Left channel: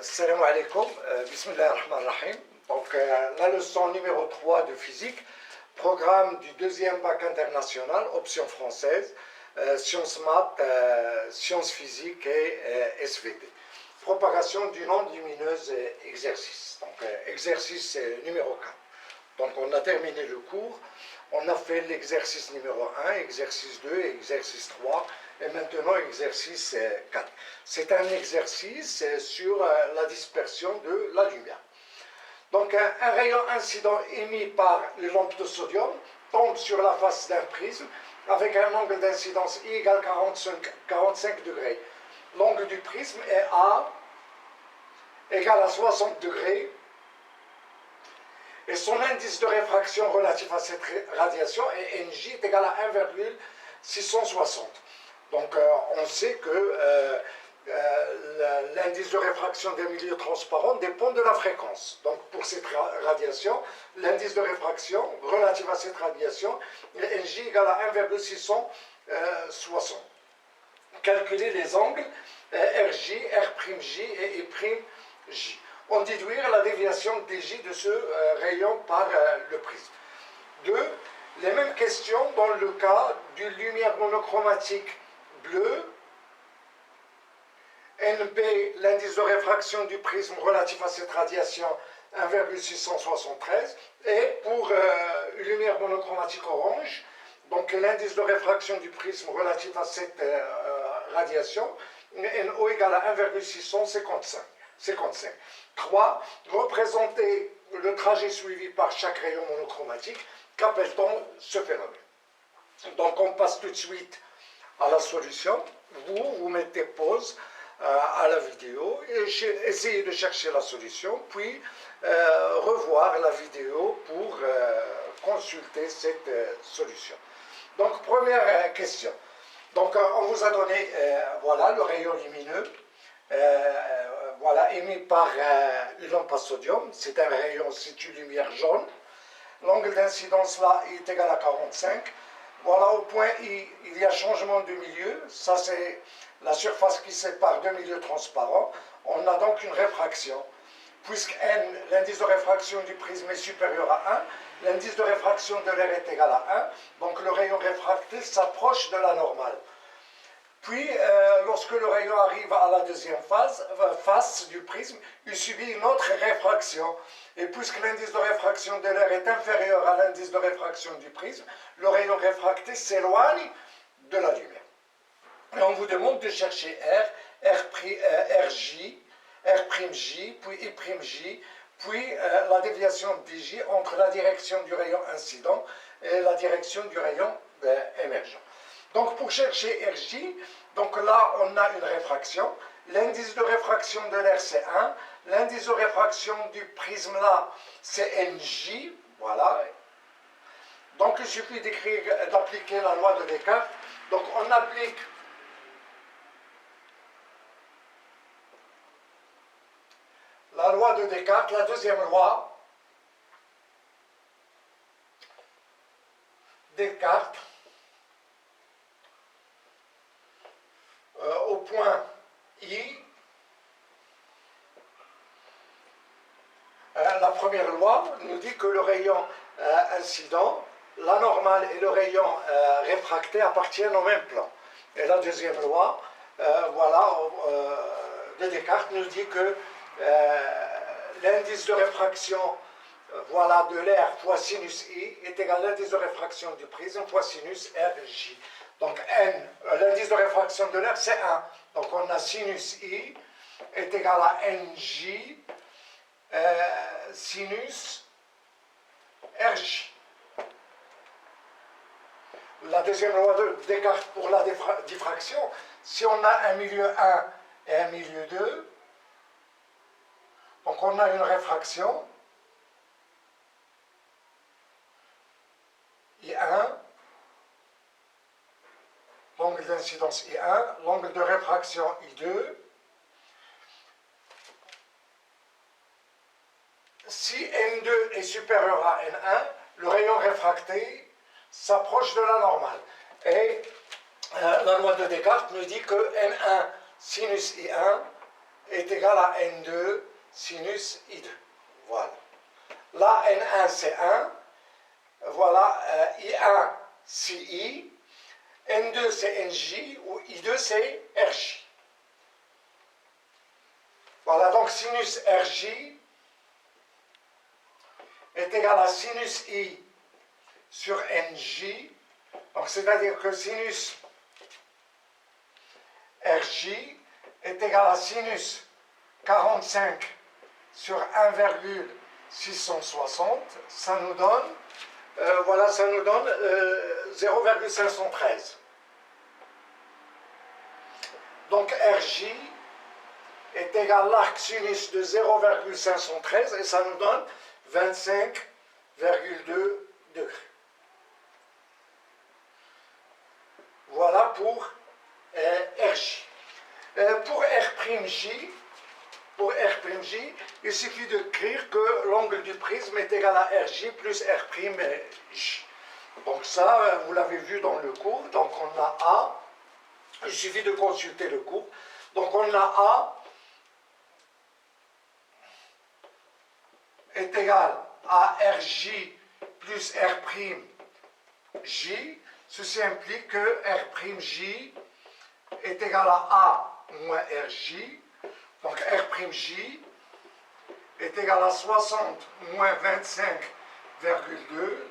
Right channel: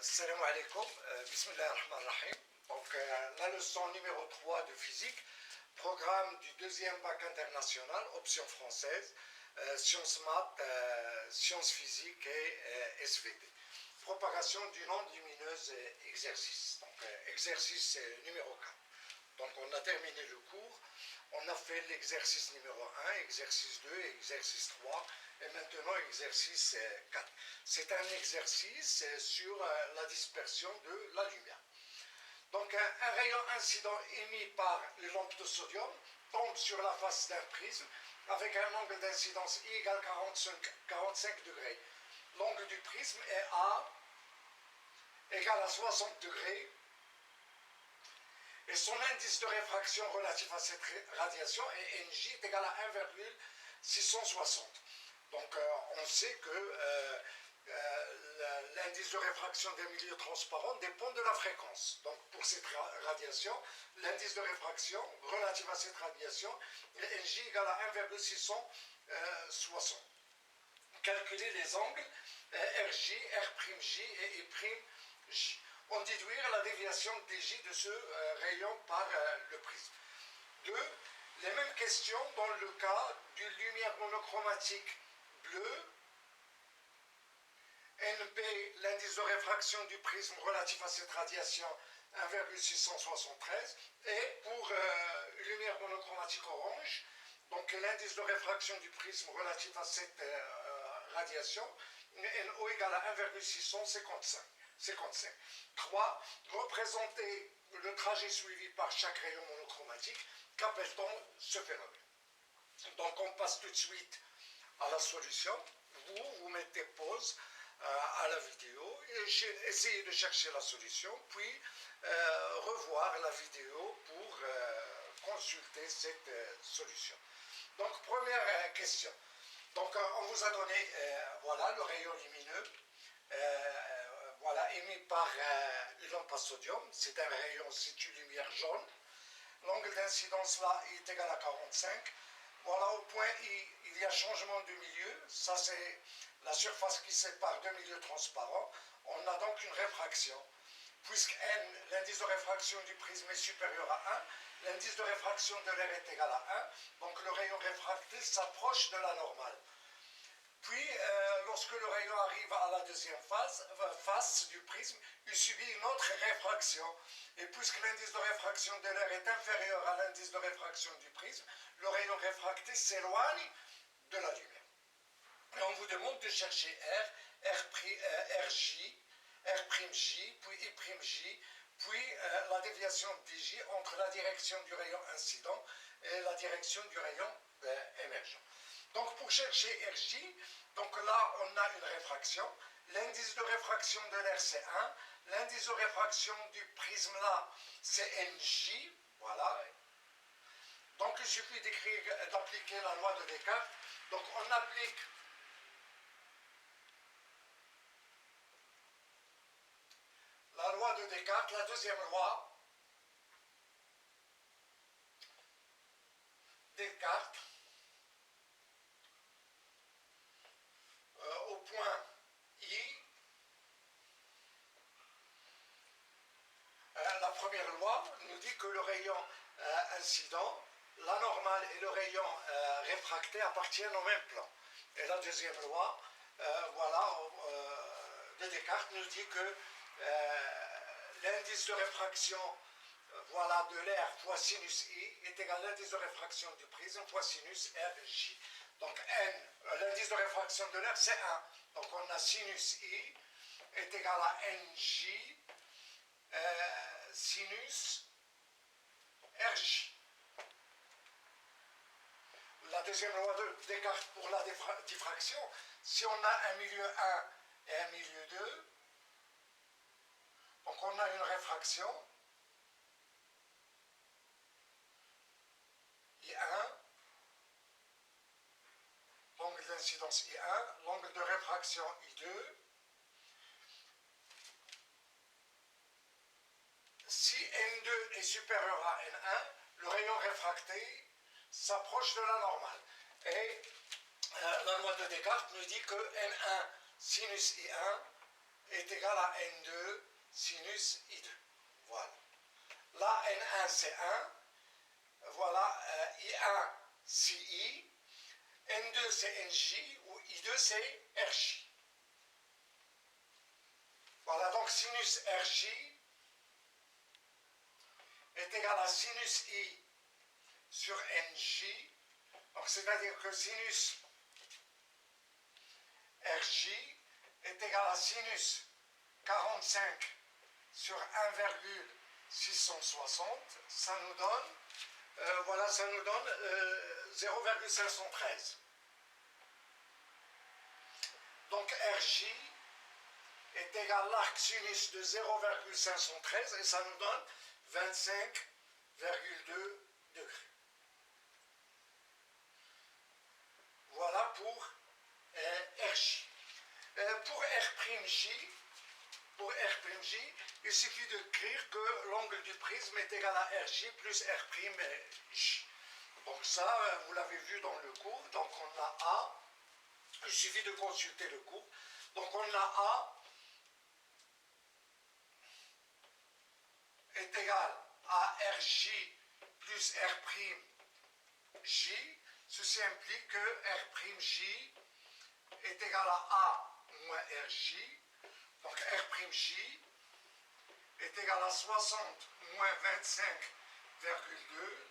Salam alaikum, bismillah ar-Rahman ar-Rahim. Donc la leçon numéro 3 de physique, programme du deuxième bac international, option française, sciences maths, sciences physiques et SVT. Propagation d'une onde lumineuse exercice. Donc exercice numéro 4. Donc on a terminé le cours, on a fait l'exercice numéro 1, exercice 2, exercice 3 et maintenant exercice 4. C'est un exercice sur la dispersion de la lumière. Donc un rayon incident émis par les lampes de sodium tombe sur la face d'un prisme avec un angle d'incidence I égale 45 degrés. L'angle du prisme est A égale à 60 degrés et son indice de réfraction relatif à cette radiation est NJ est égal à 1,660. Donc on sait que l'indice de réfraction des milieux transparents dépend de la fréquence. Donc pour cette radiation, l'indice de réfraction relatif à cette radiation est NJ égale à 1,660. Calculer les angles RJ, R'J et I'J. On déduire la déviation DJ de ce rayon par le prisme. 2. Les mêmes questions dans le cas d'une lumière monochromatique bleue. NB, l'indice de réfraction du prisme relatif à cette radiation, 1,673. Et pour une lumière monochromatique orange, donc l'indice de réfraction du prisme relatif à cette radiation, NO égale à 1,655. 3. Représenter le trajet suivi par chaque rayon monochromatique. Qu'appelle-t-on ce phénomène? Donc on passe tout de suite à la solution. Vous mettez pause à la vidéo et essayez de chercher la solution, puis revoir la vidéo pour consulter cette solution. Donc première question. Donc on vous a donné voilà, le rayon lumineux. Voilà, émis par une lampe à sodium, c'est un rayon, c'est une lumière jaune. L'angle d'incidence là est égal à 45. Voilà, au point I, il y a changement de milieu. Ça, c'est la surface qui sépare deux milieux transparents. On a donc une réfraction. Puisque N, l'indice de réfraction du prisme est supérieur à 1, l'indice de réfraction de l'air est égal à 1. Donc le rayon réfracté s'approche de la normale. Puis, lorsque le rayon arrive à la deuxième face du prisme, il subit une autre réfraction. Et puisque l'indice de réfraction de l'air est inférieur à l'indice de réfraction du prisme, le rayon réfracté s'éloigne de la lumière. Et on vous demande de chercher R, R'J, R'J, puis I'J, puis la déviation DJ entre la direction du rayon incident et la direction du rayon émergent. Donc pour chercher Rj, donc là on a une réfraction. L'indice de réfraction de l'air c'est 1. L'indice de réfraction du prisme là c'est NJ. Voilà. Donc il suffit d'appliquer la loi de Descartes. Donc on applique la loi de Descartes, la deuxième loi. Descartes. Au point I, la première loi nous dit que le rayon incident, la normale et le rayon réfracté appartiennent au même plan. Et la deuxième loi, voilà, de Descartes nous dit que l'indice de réfraction voilà, de l'air fois sinus I est égal à l'indice de réfraction du prisme fois sinus Rj. Donc N, l'indice de réfraction de l'air, c'est 1. Donc on a sinus I est égal à NJ sinus Rj. La deuxième loi de Descartes pour la diffraction, si on a un milieu 1 et un milieu 2, donc on a une réfraction I1, l'angle d'incidence I1, l'angle de réfraction I2. Si N2 est supérieur à N1, le rayon réfracté s'approche de la normale. Et la loi de Descartes nous dit que N1 sinus I1 est égal à N2 sinus I2. Voilà. Là, N1 c'est 1. Voilà, I1 c'est I. N2 c'est NJ ou I2 c'est RJ. Voilà, donc sinus RJ est égal à sinus I sur NJ. Donc c'est-à-dire que sinus RJ est égal à sinus 45 sur 1,660. Ça nous donne, voilà, ça nous donne 0,513. Donc RJ est égal à l'arc sinus de 0,513 et ça nous donne 25,2 degrés. Voilà pour RJ. Pour R'J, il suffit d'écrire que l'angle du prisme est égal à RJ plus R'J. Donc ça, vous l'avez vu dans le cours. Donc on a A. Il suffit de consulter le cours. Donc on a A est égal à Rj plus R'J. Ceci implique que R'J est égal à A moins Rj. Donc R'J est égal à 60 moins 25,2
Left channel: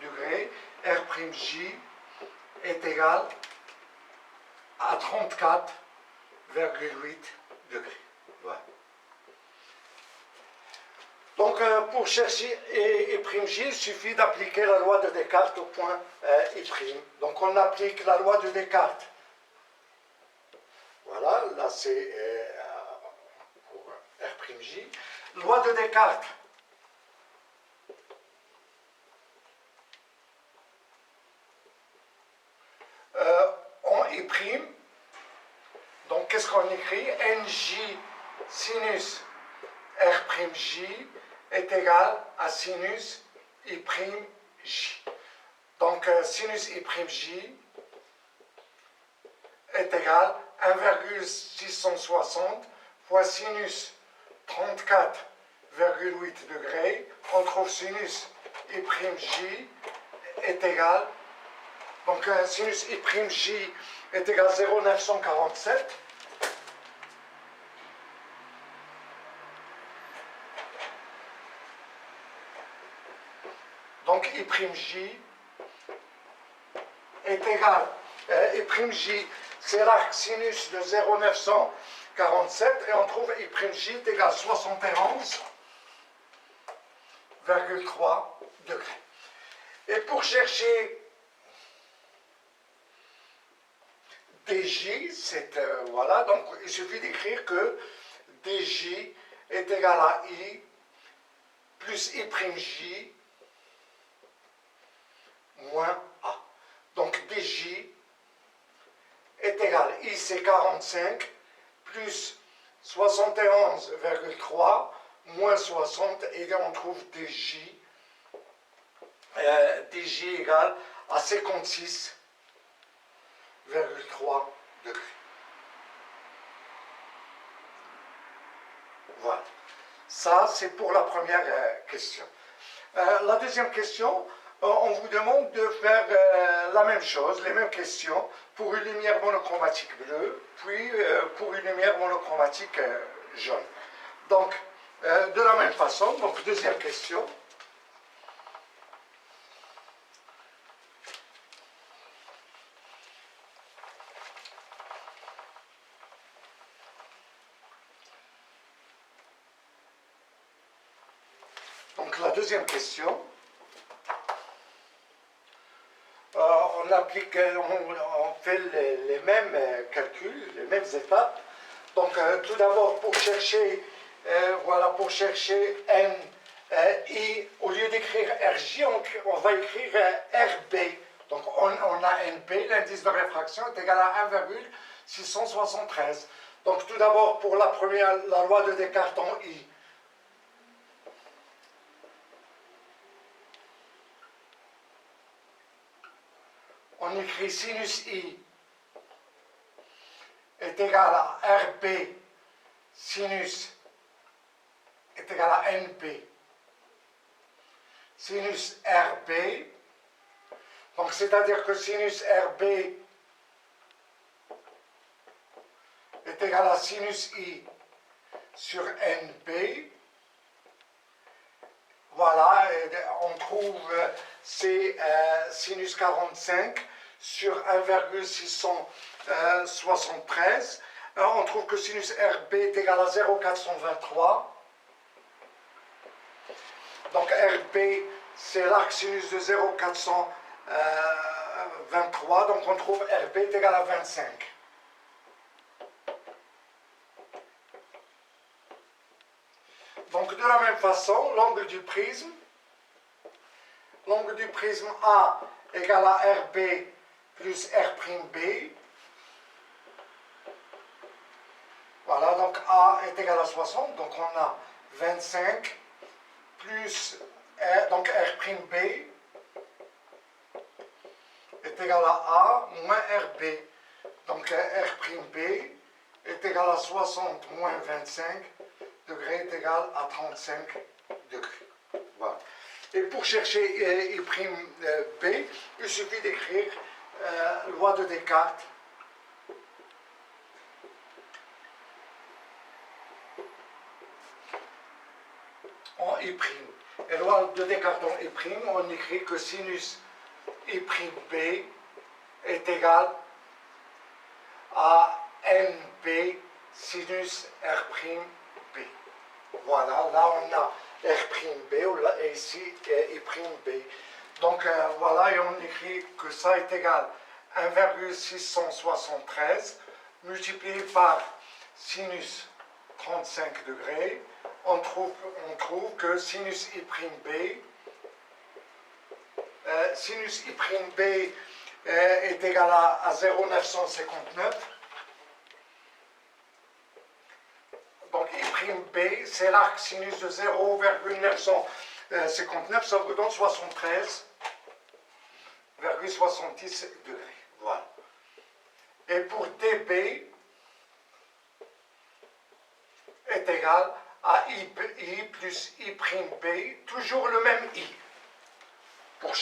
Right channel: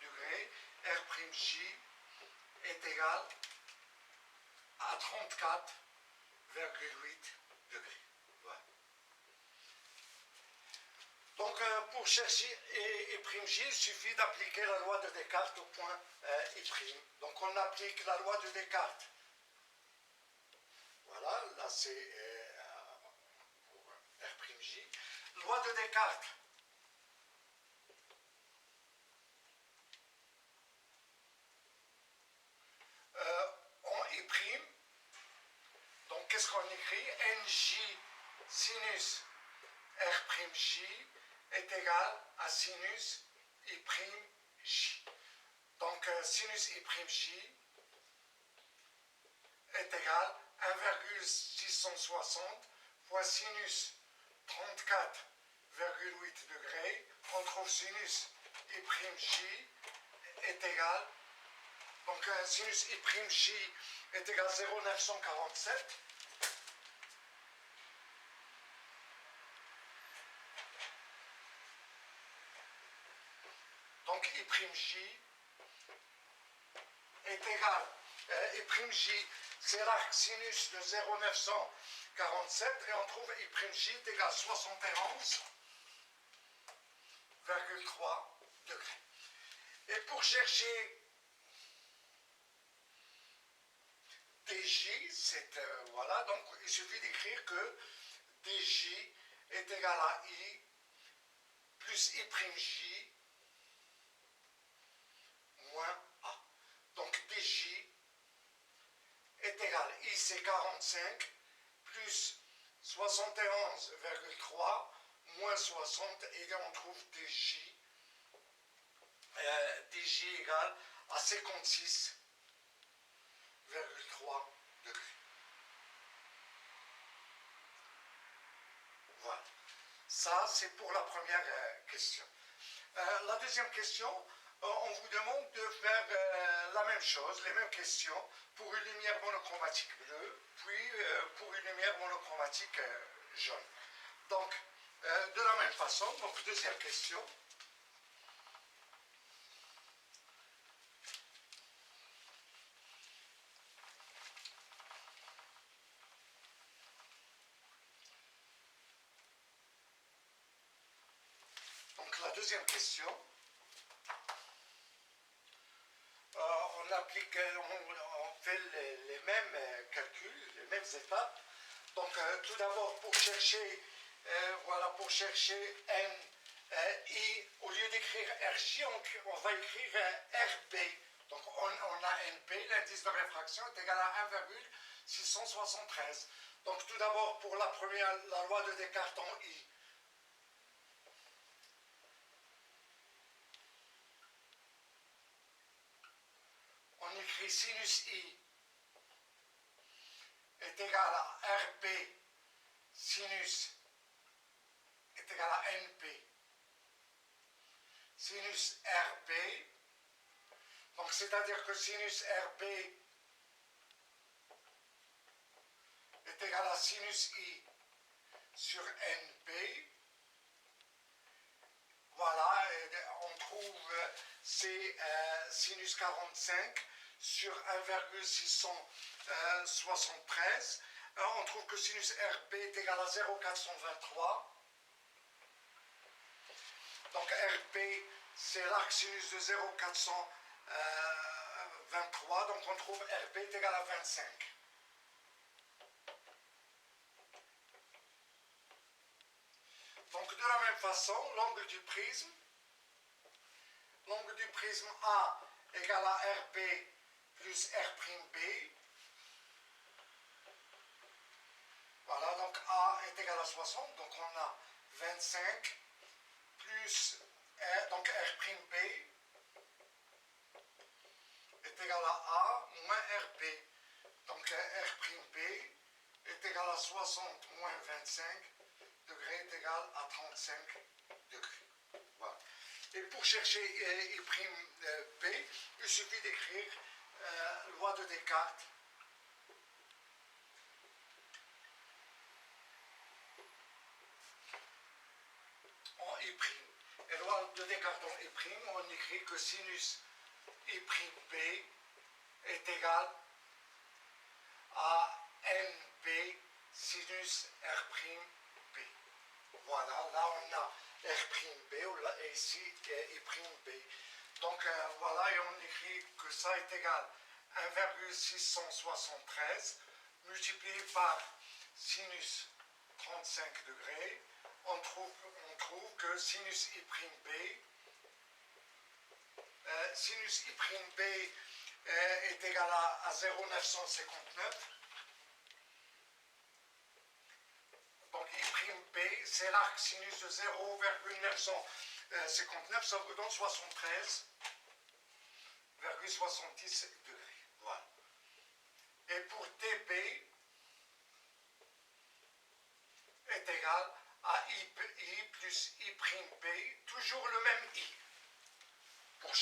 degrés. R'J est égal à 34,8 degrés. Voilà. Donc pour chercher I'J, il suffit d'appliquer la loi de Descartes au point I'. Donc on applique la loi de Descartes. Voilà, là c'est pour R'J. Loi de Descartes. En I'. Donc qu'est-ce qu'on écrit? NJ sinus R'J est égal à sinus I'J. Donc sinus I'J est égal à 1,660 fois sinus 34,8 degrés. On trouve sinus I'J est égal, donc sinus I'J est égal à 0,947. Donc I'J est égal, I'J c'est l'arc sinus de 0,947 et on trouve I'J est égal à 71,3 degrés. Et pour chercher DJ, voilà, donc il suffit d'écrire que DJ est égal à I plus I'J moins A. Donc DJ est égal, I c'est 45, plus 71,3, moins 60, et on trouve DJ, DJ égale à 56,3 degrés. Voilà. Ça, c'est pour la première question. La deuxième question, on vous demande de faire la même chose, les mêmes questions, pour une lumière monochromatique bleue, puis pour une lumière monochromatique jaune. Donc, de la même façon, donc deuxième question. Donc la deuxième question. On applique, on fait les mêmes calculs, les mêmes étapes. Donc tout d'abord pour chercher, voilà, pour chercher N, I, au lieu d'écrire RJ, on va écrire RB. Donc on a NB, l'indice de réfraction est égal à 1,673. Donc tout d'abord pour la première, la loi de Descartes en I. On écrit sinus I est égal à RB sinus est égal à NB sinus RB. Donc c'est-à-dire que sinus RB est égal à sinus I sur NB. Voilà, on trouve c'est sinus 45 sur 1,673. On trouve que sinus RB est égal à 0,423. Donc RB, c'est l'arc sinus de 0,423. Donc on trouve RB est égal à 25. Donc de la même façon, l'angle du prisme A égale à RB plus R'B. Voilà, donc A est égal à 60, donc on a 25 plus donc R'B est égal à A moins RB. Donc R'B est égal à 60 moins 25 degrés est égal à 35 degrés. Voilà. Et pour chercher I'B, il suffit d'écrire loi de Descartes. En I'. Et loi de Descartes en I', on écrit que sinus I'B est égal à NB sinus R'B. Voilà, là on a R'B et ici I'B. Donc voilà, et on écrit que ça est égal à 1,673 multiplié par sinus 35 degrés. On trouve que sinus I'B est égal à 0,959. Donc I'B, c'est l'arc sinus de 0,959, ça vous donne 73,70 degrés. Voilà. Et pour Db est égal à I plus I'B, toujours le même I. Pour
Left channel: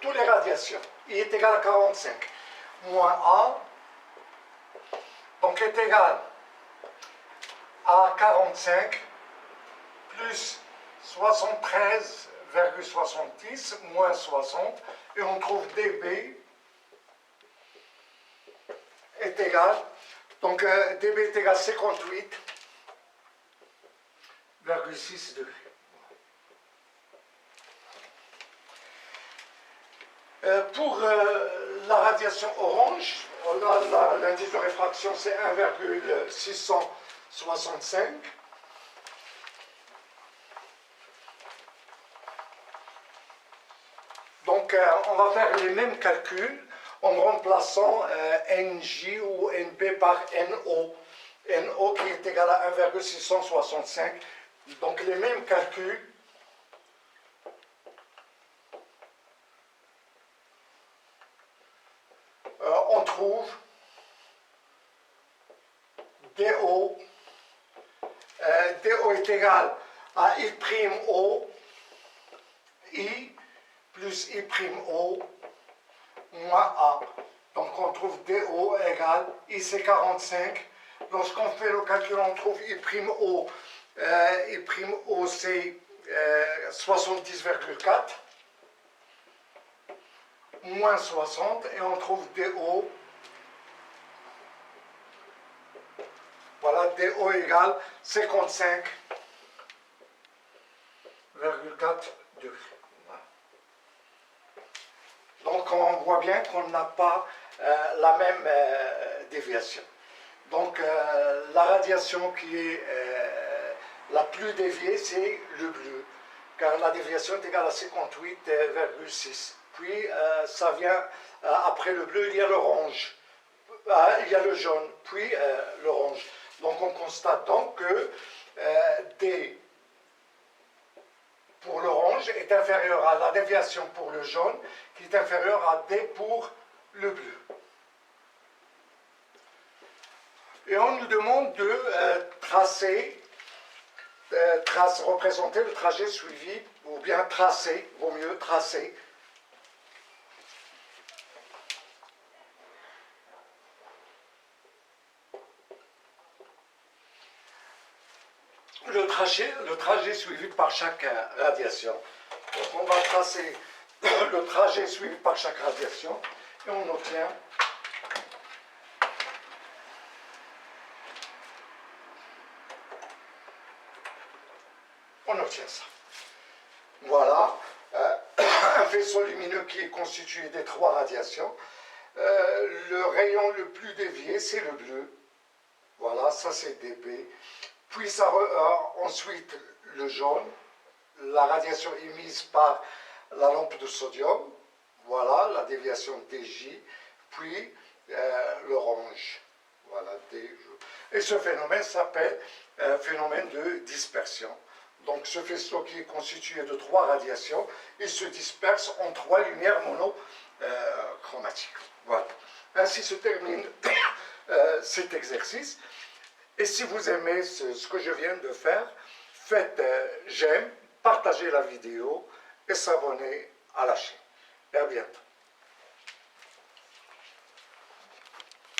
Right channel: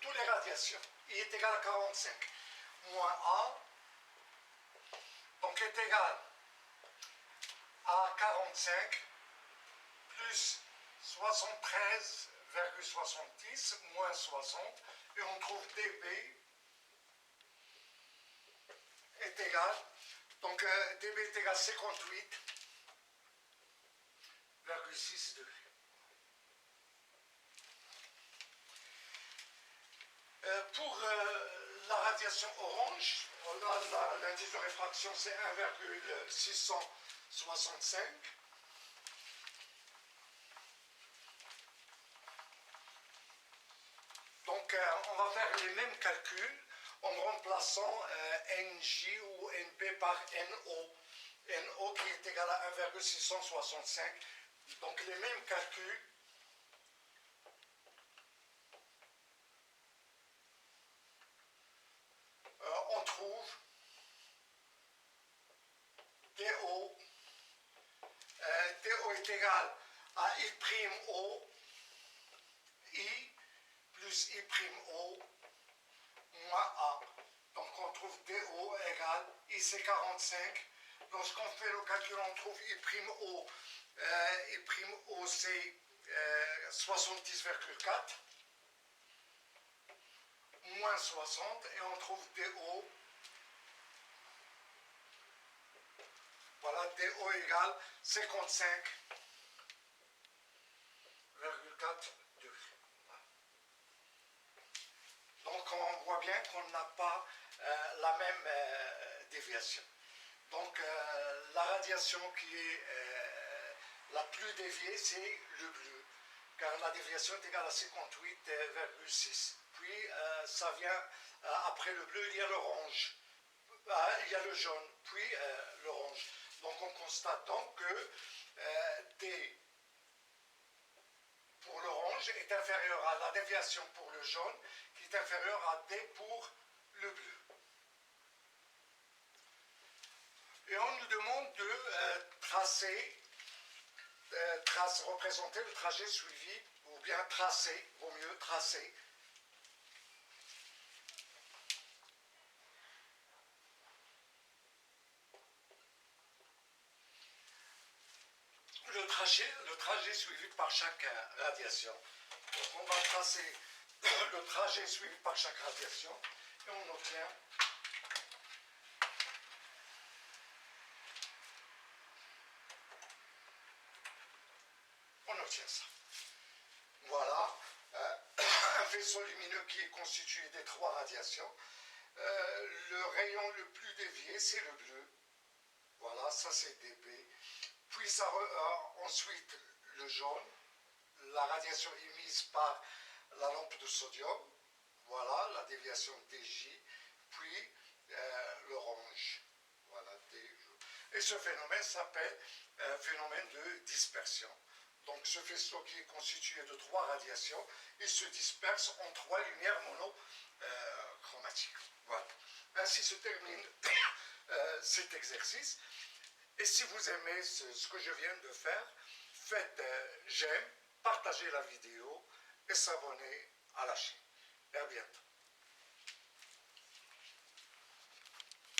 toutes les radiations, I est égal à 45, moins A, donc est égal à 45 plus 73,70 moins 60, et on trouve dB est égal, donc dB est égal à 58,6 degrés. Pour la radiation orange, l'indice de réfraction c'est 1,665. Donc on va faire les mêmes calculs en remplaçant NJ ou NB par NO. NO qui est égal à 1,665. Donc les mêmes calculs. On trouve DO. DO est égal à I'O, I plus I'O moins A. Donc on trouve DO égale IC45. Lorsqu'on fait le calcul, on trouve I'O. I'O c'est 70,4 moins 60 et on trouve DO. Voilà, DO égale 55,4 degrés. Voilà. Donc on voit bien qu'on n'a pas la même déviation. Donc la radiation qui est la plus déviée, c'est le bleu, car la déviation est égale à 58,6. Puis ça vient, après le bleu, il y a l'orange, il y a le jaune, puis l'orange. Donc on constate donc que D pour l'orange est inférieur à la déviation pour le jaune, qui est inférieure à D pour le bleu. Et on nous demande de représenter le trajet suivi, ou bien tracer, vaut mieux tracer. Le trajet suivi par chaque radiation. Donc on va tracer le trajet suivi par chaque radiation et on obtient ça. Voilà, un faisceau lumineux qui est constitué des 3 radiations. Le rayon le plus dévié, c'est le bleu. Voilà, ça c'est dB. Puis ensuite le jaune, la radiation émise par la lampe de sodium. Voilà, la déviation DJ. Puis l'orange. Voilà, et ce phénomène s'appelle phénomène de dispersion. Donc ce faisceau qui est constitué de 3 radiations, il se disperse en 3 lumières monochromatiques. Voilà. Ainsi se termine cet exercice. Et si vous aimez ce que je viens de faire, faites j'aime, partagez la vidéo et s'abonnez à la chaîne. Et à bientôt.